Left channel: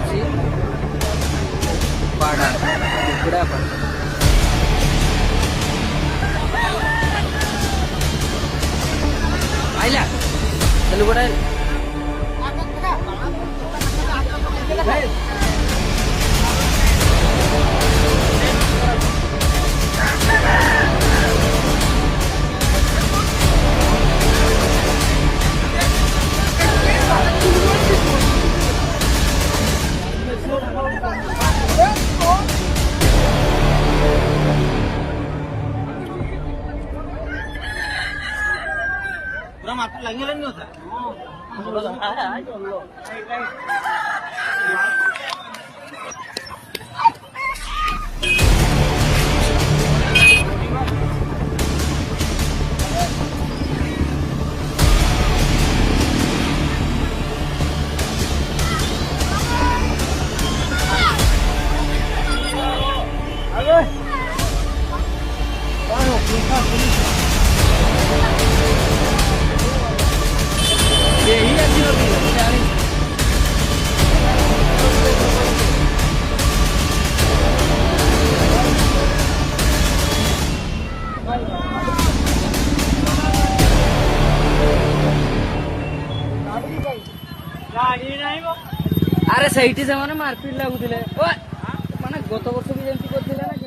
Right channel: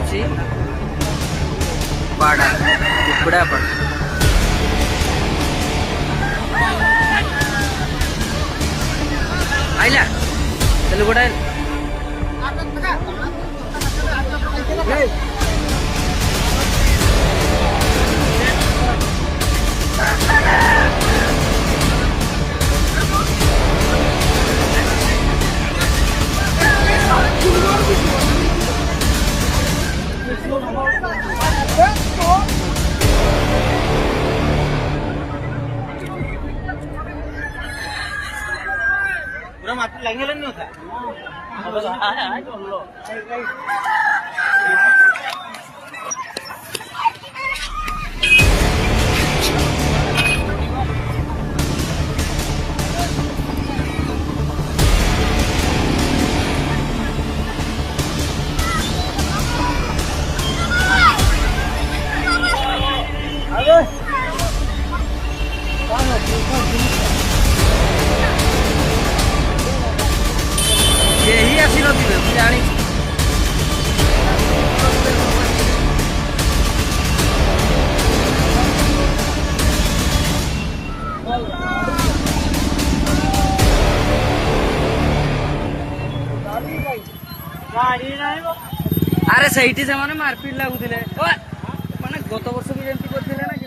ଅଛି ପାଡ଼ା କୁକୁଡ଼ା ପାଡ଼ା ଆଇଲା ତାହେଲେ ଗୋଟା mati lagi lah nih. यही आसी नदी में मुझे जानी अरे सही से मारपिट लगुले माने गत वर्ष भी जमी करते ना